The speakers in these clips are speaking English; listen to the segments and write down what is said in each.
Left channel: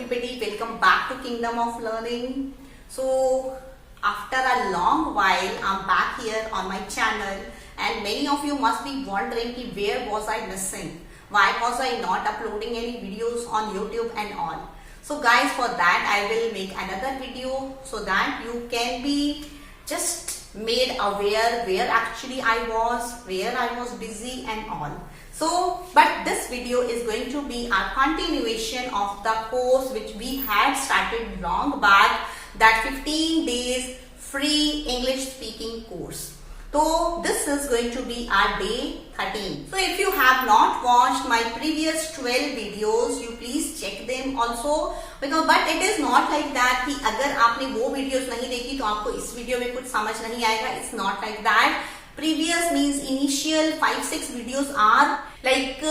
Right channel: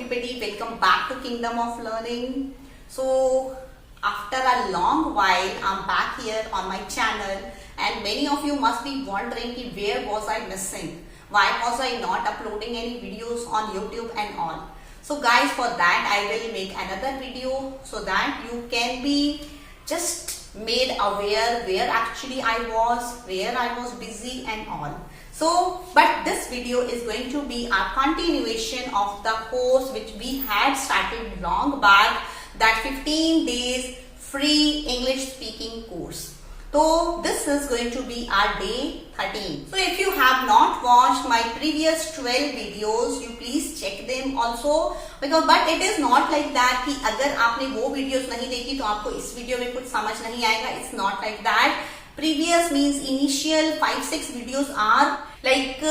everybody, welcome back to Kingdom of Learning. So after a long while I'm back here on my channel, and many of you must be wondering ki where was I missing, why was I not uploading any videos on YouTube and all. So guys, for that I will make another video so that you can be just made aware where actually I was, where I was busy and all. So, but this video is going to be a continuation of the course which we had started long back, that 15 days free English speaking course. So this is going to be our day 13. So if you have not watched my previous 12 videos, you please check them also, because but it is not like that कि अगर आपने वो videos नहीं देखी तो आपको इस video में कुछ समझ नहीं आएगा. It's not like that. Previous means initial 5-6 videos are like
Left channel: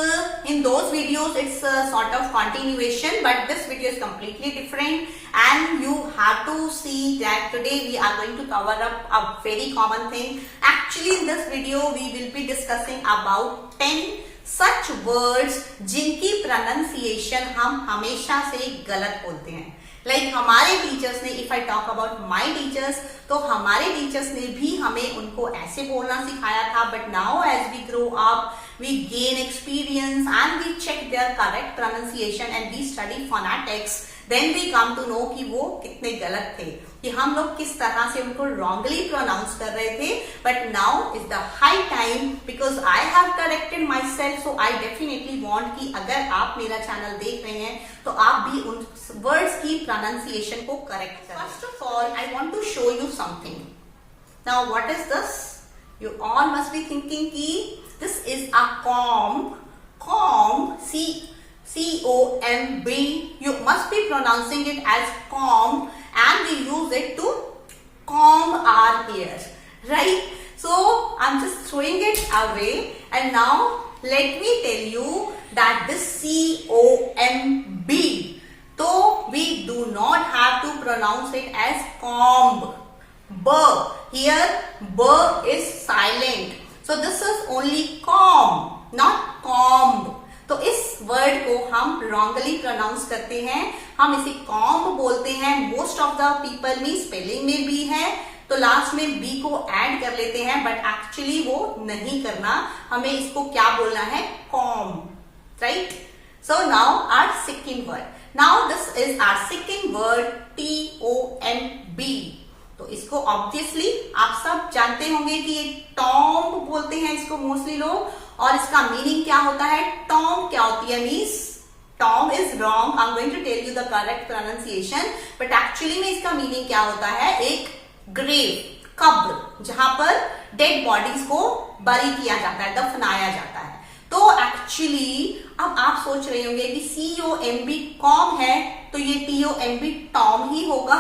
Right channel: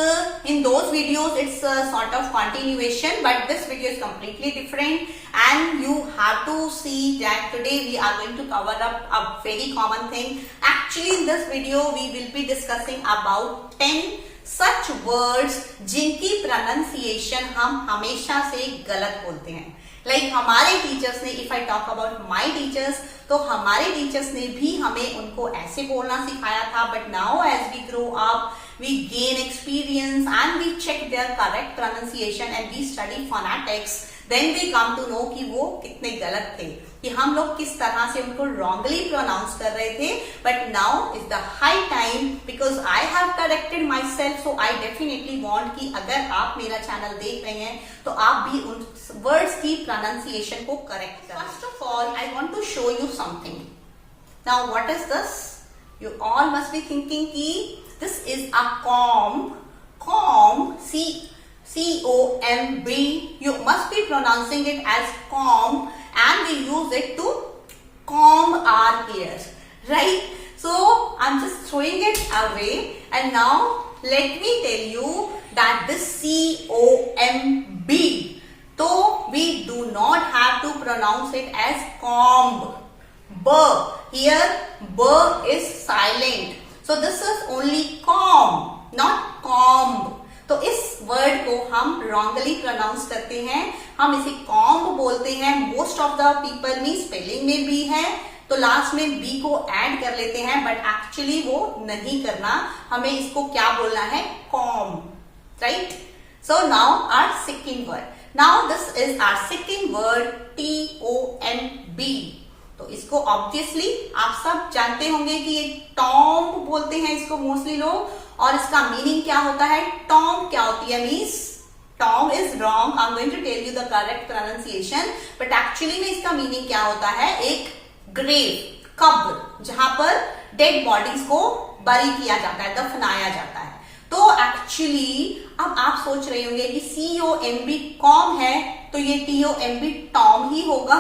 in those videos it's a sort of continuation, but this video is completely different, and you have to see that today we are going to cover up a very common thing. Actually in this video we will be discussing about 10 such words जिनकी pronunciation हम हमेशा से गलत बोलते हैं. Like हमारे teachers ने, if I talk about my teachers, तो हमारे टीचर्स ने भी हमें उनको ऐसे बोलना सिखाया था, but now as we grow up, we gain experience and we check their correct pronunciation and we study phonetics, then we come to know कि वो कितने गलत थे, कि हम लोग किस तरह से उनको wrongly pronounce कर रहे थे. But now is the high time, because I have corrected myself, so I definitely want कि अगर आप मेरा चैनल देख रहे हैं तो आप भी उन words की pronunciation को correct करें. First of all, I want to show you something. Now what is this? You all must be thinking कि this is a comb. Comb, C-O-M-B. You must be pronouncing it as comb, and we use it to comb our hairs, right? So I'm just throwing it away, and now let me tell you that this C-O-M-B, so we do not have to pronounce it as comb. B. Here B is silent. So this is only comb, not comb. तो इस word को हम wrongly pronounce करते हैं, हम इसे comb बोलते हैं. Most of the people में स्पेलिंग में भी है तो लास्ट में बी को ऐड कर लेते हैं, बट एक्चुअली वो नहीं करना. हमें इसको क्या बोलना है? comb, right? So now our second word. Now this is our second word, T-O-M-B. तो इसको ऑब्वियसली आप सब जानते होंगे कि ये टॉम्ब बोलते हैं इसको मोस्टली लोग, और इसका मीनिंग क्या होता है? टॉम्ब क्या होती है? Means tomb is wrong. I am going to tell you the correct pronunciation, but actually में इसका मीनिंग क्या होता है? एक ग्रेव, कब्र, जहां पर डेड बॉडीज को बरी किया जाता है, दफनाया जाता है. तो एक्चुअली अब आप सोच रहे होंगे कि C-O-M-B कॉम है तो ये T-O-M-B टॉम ही होगा,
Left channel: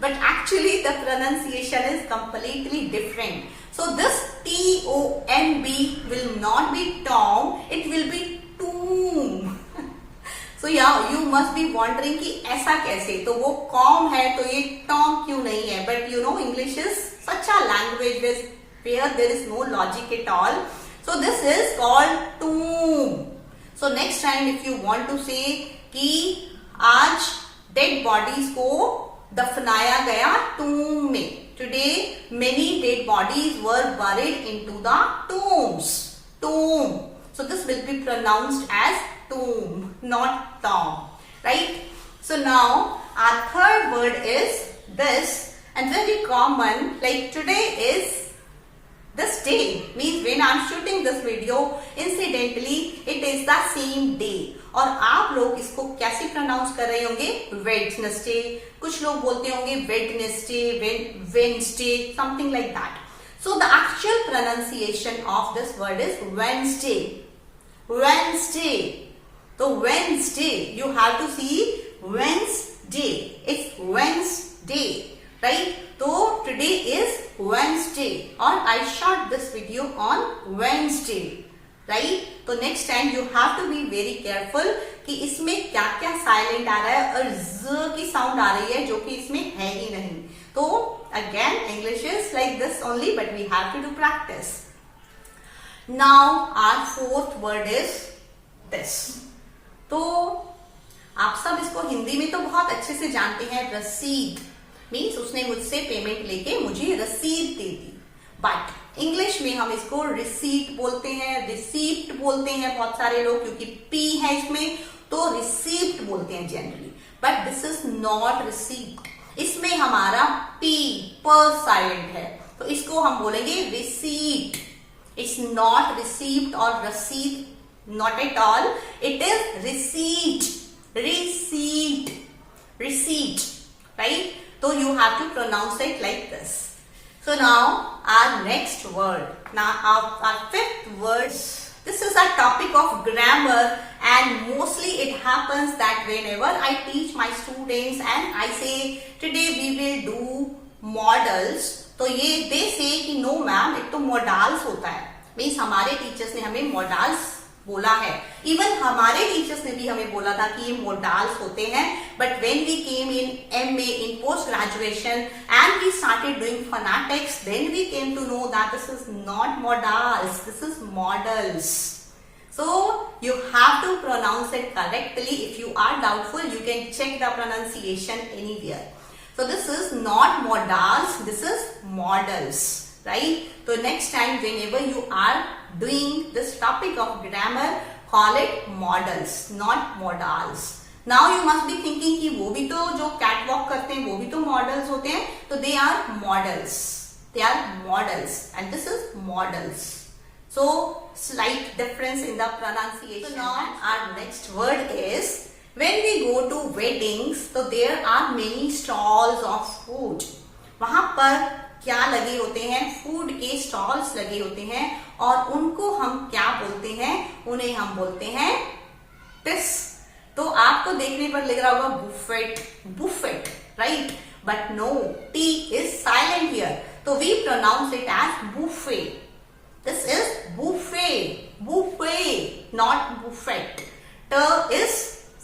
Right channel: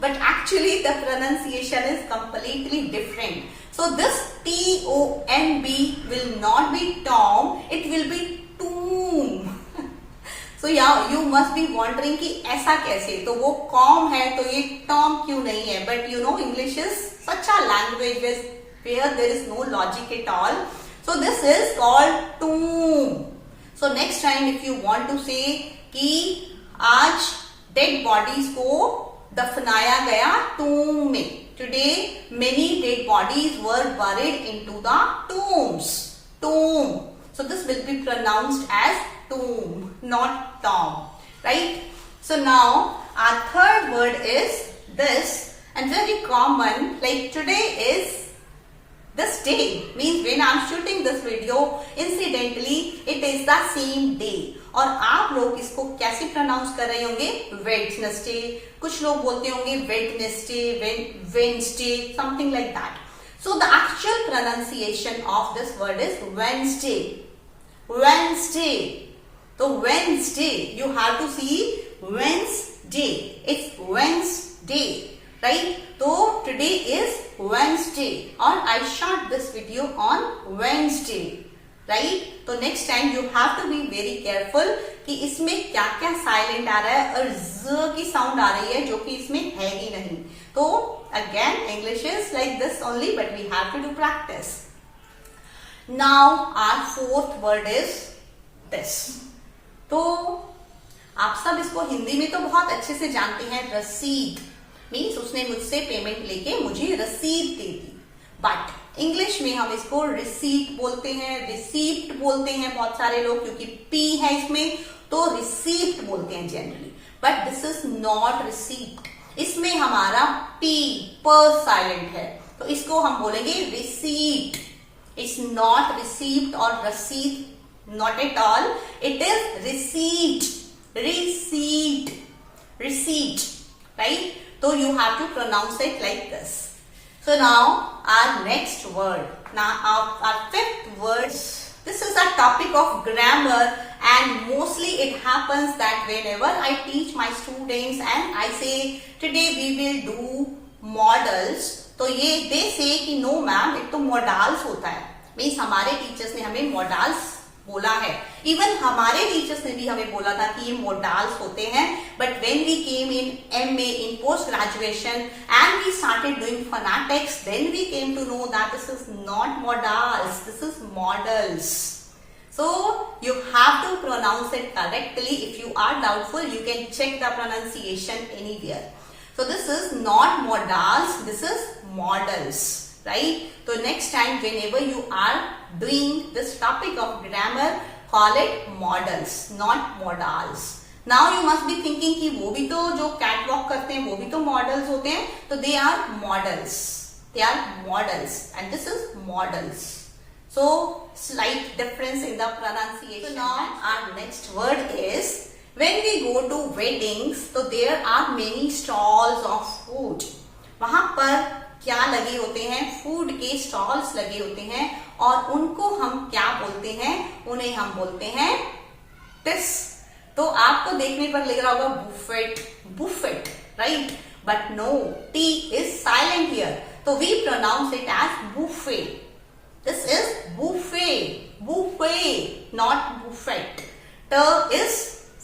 but actually the pronunciation is completely different. So this T-O-M-B will not be Tom, it will be tomb. So yeah, you must be wondering कि ऐसा कैसे, तो वो कॉम है तो ये टॉम क्यों नहीं है? But you know English is such a language where there is no logic at all. So this is called tomb. So next time if you want to say कि आज dead bodies को दफनाया गया tomb में, today many dead bodies were buried into the tombs. Tomb. So this will be pronounced as tomb, not tom, right? So now our third word is this, and very common, like today is this day, means when I'm shooting this video, incidentally it is the same day. और आप लोग इसको कैसे pronounce कर रहे होंगे? Wednesday, कुछ लोग बोलते होंगे Wednesday, Wednesday, something like that. So the actual pronunciation of this word is Wednesday. Wednesday. तो Wednesday, you have to see Wednesday, it's Wednesday, right? तो टुडे इज वेडनेसडे और I shot this video on Wednesday, right? तो next time you have to be very careful कि इसमें क्या क्या silent आ रहा है और ज की साउंड आ रही है जो कि इसमें है ही नहीं. तो again English is like this only, but we have to do practice. Now our fourth word is this. तो आप सब इसको हिंदी में तो बहुत अच्छे से जानते हैं, रसीद मीन्स उसने मुझसे पेमेंट लेके मुझे रसीद दे दी, बट इंग्लिश में हम इसको रिसीट बोलते हैं, रिसीप्ट बोलते हैं बहुत सारे लोग, क्योंकि पी है इसमें तो रिसीप्ट बोलते हैं generally, but this is not receipt. इसमें हमारा पी पर साइलेंट है, तो इसको हम बोलेंगे रिसीट। इट्स नॉट रिसीप्ट और रसीद, not at all, it is receipt, receipt, receipt, right? So you have to pronounce it like this. So now our next word, now our fifth word, this is a topic of grammar, and mostly it happens that whenever I teach my students and I say today we will do modals, तो ये they say कि no ma'am, एक तो modals होता है, means हमारे teachers ने हमें modals बोला है, इवन हमारे टीचर्स ने भी हमें बोला था कि ये मोडाल्स होते हैं, but when we came in MA in post graduation and we started doing phonetics, then we came to know that this is not modals, this is models. So you have to pronounce it correctly. If you are doubtful, you can check the pronunciation anywhere. So this is not modals, this is models, right? So next time whenever you are doing this topic of grammar, call it models, not modals. Now you must be thinking कि वो भी तो जो catwalk करते हैं वो भी तो models होते हैं, तो they are models, they are models, and this is models. So slight difference in the pronunciation. So now our next word is, when we go to weddings, so there are many stalls of food. वहां पर क्या लगे होते हैं? Food के stalls लगे होते हैं, और उनको हम क्या बोलते हैं? उन्हें हम बोलते हैं टिस. तो आपको देखने पर लग रहा होगा buffet, buffet, right? But no, T is silent here, तो we pronounce it as buffet. This is buffet, buffet, not buffet. ट इज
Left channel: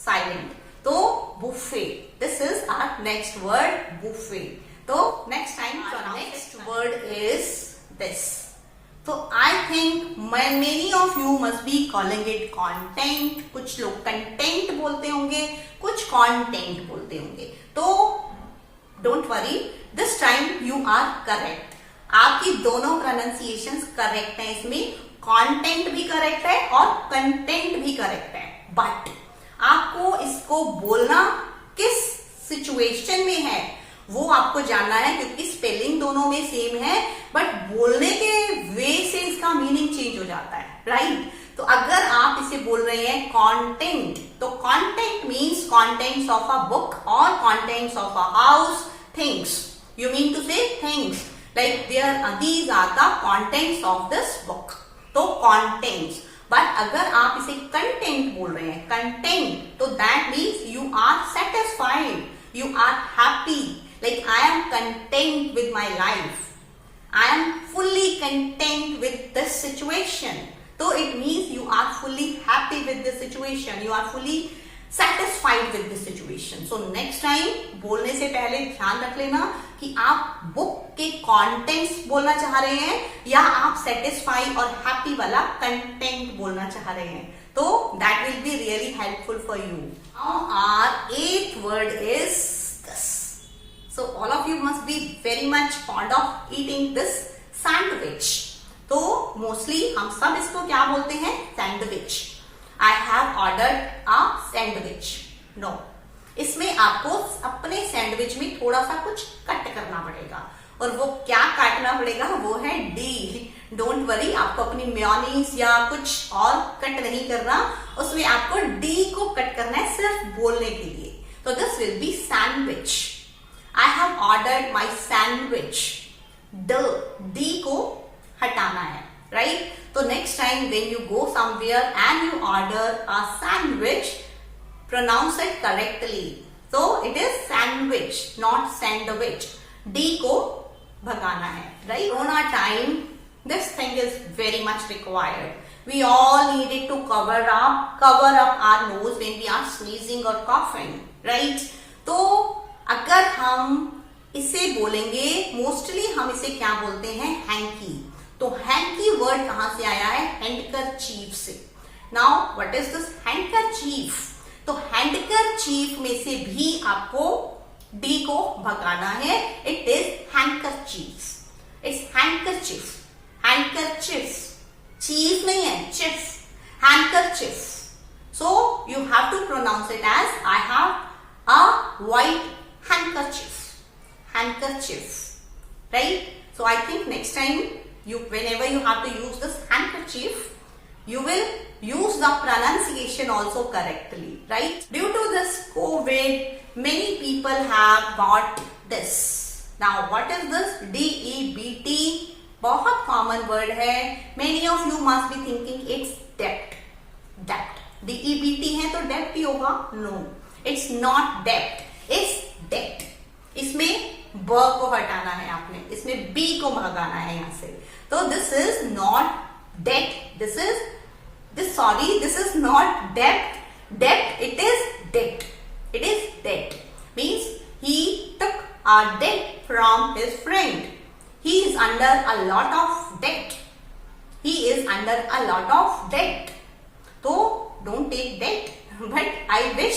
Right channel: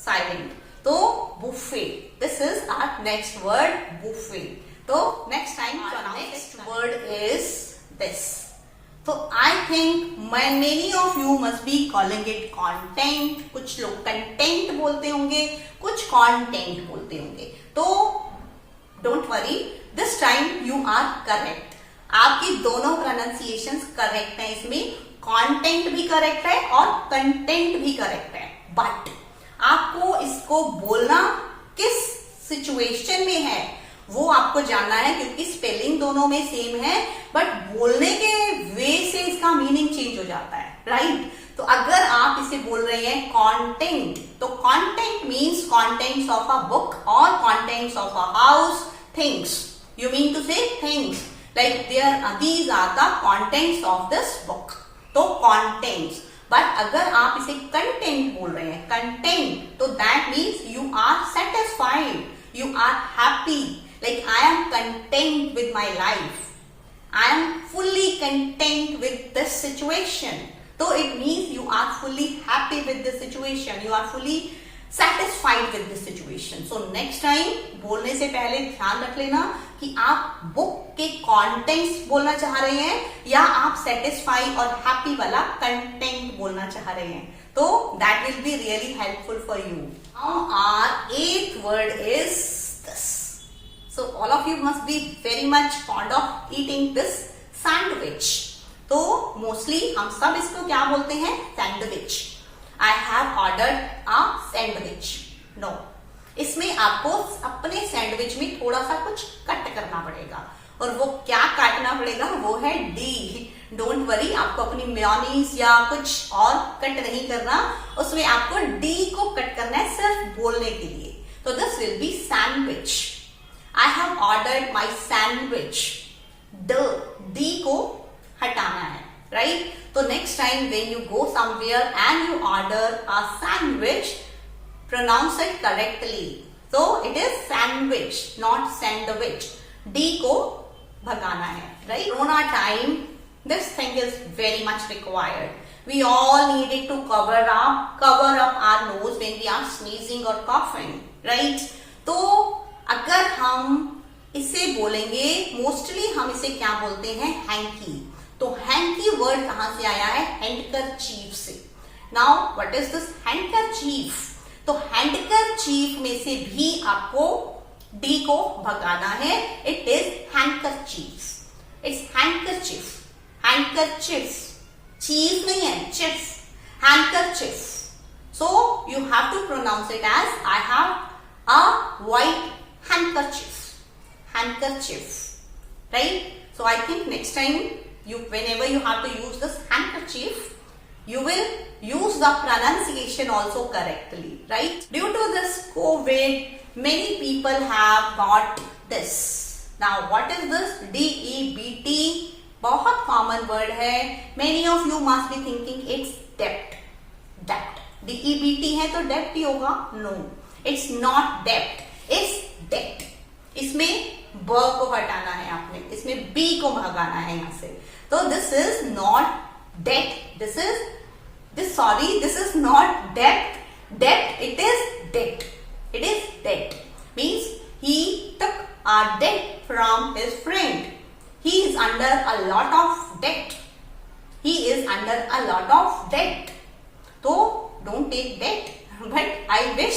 साइलेंट, तो buffet. This is our next word, buffet. So next time next word is this. So I think many of you must be calling it content. कुछ लोग content बोलते होंगे, कुछ content बोलते होंगे. तो don't worry, this time you are correct. आपकी दोनों pronunciations correct हैं. इसमें content भी correct है और content भी correct है. But आपको इसको बोलना किस situation में है वो आपको जानना है, क्योंकि स्पेलिंग दोनों में सेम है, बट बोलने के वे से इसका मीनिंग चेंज हो जाता है, राइट? तो अगर आप इसे बोल रहे हैं कंटेंट, तो content means contents of a book और contents of a house, things. You mean to say things like these are the contents of this book, तो कंटेंट्स. बट अगर आप इसे कंटेंट बोल रहे हैं, कंटेंट, तो that means you are satisfied, you are happy, like I am content with my life, I am fully content with this situation. So it means you are fully happy with this situation, you are fully satisfied with this situation. So next time बोलने से पहले ध्यान रख लेना कि आप book के contents बोलना चाह रहे हैं या आप satisfied और happy वाला content बोलना चाह रहे हैं. So that will be really helpful for you. Now our eighth word is this. So all of you must be very much fond of eating this sandwich. तो मोस्टली हम सब इसको क्या बोलते हैं? Sandwich. I have ordered a sandwich. No, इसमें आपको अपने सैंडविच में थोड़ा सा कुछ कट करना पड़ेगा, और वो क्या काटना पड़ेगा? वो है डी. डोंट वरी, आपको अपनी मेयोनीज या कुछ और कट नहीं करना, उसमें आपको डी को कट करना है सिर्फ बोलने के लिए. तो this will be sandwich. I have ordered my sandwich. D को हटाना है, राइट? तो next time when you go somewhere and you order a sandwich, pronounce it correctly. तो it is sandwich, not sandwich. D को भगाना है, right? Corona time this thing is very much required. We all needed to cover up our nose when we are sneezing or coughing, right? तो अगर हम इसे बोलेंगे, mostly हम इसे क्या बोलते हैं? हैंकी. तो हैंकी वर्ड कहां से आया है? हैंडकरचीफ से. Now what is this handkerchief? तो हैंडकरचीफ में से भी आपको डी को भगाना है. It is handkerchief. It's handkerchief. Handkerchief. Chief नहीं है, chief. Handkerchief. So you have to pronounce it as I have a white handkerchief. Handkerchief. Right? So I think next time whenever you have to use this handkerchief, you will use the pronunciation also correctly. Right? Due to this COVID, many people have got this. Now what is this? DEBT. बहुत common word है. Many of you must be thinking it's debt. Debt. DEBT है तो डेप्ट ही होगा. No, it's not dept, it's date. इसमें ब को हटाना है आपने, इसमें बी को भगाना है यहां से. तो this is not date. This is not dept. Dept. It is date. It is date. Means he took a date from his friend. He is under a lot of date. He is under a lot of date. तो don't take that, but I wish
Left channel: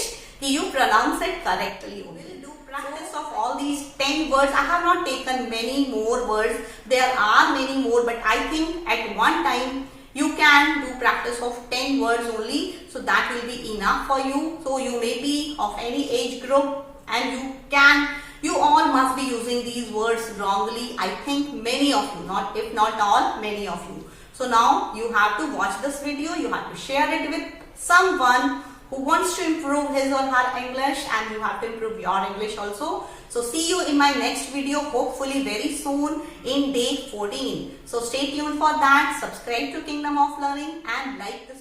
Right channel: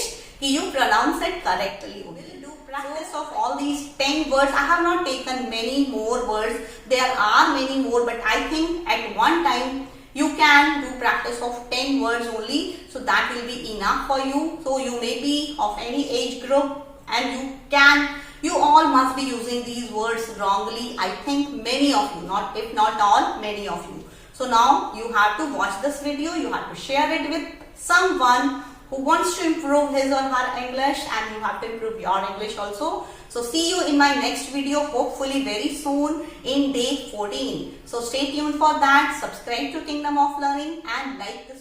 you pronounce it correctly. We'll do practice of all these 10 words. I have not taken many more words. There are many more, but I think at one time you can do practice of 10 words only. So that will be enough for you. So you may be of any age group and you all must be using these words wrongly. I think many of you, if not all, many of you. So now you have to watch this video. You have to share it with someone who wants to improve his or her English, and you have to improve your English also. So see you in my next video, hopefully very soon in day 14. So stay tuned for that. Subscribe to Kingdom of Learning and like this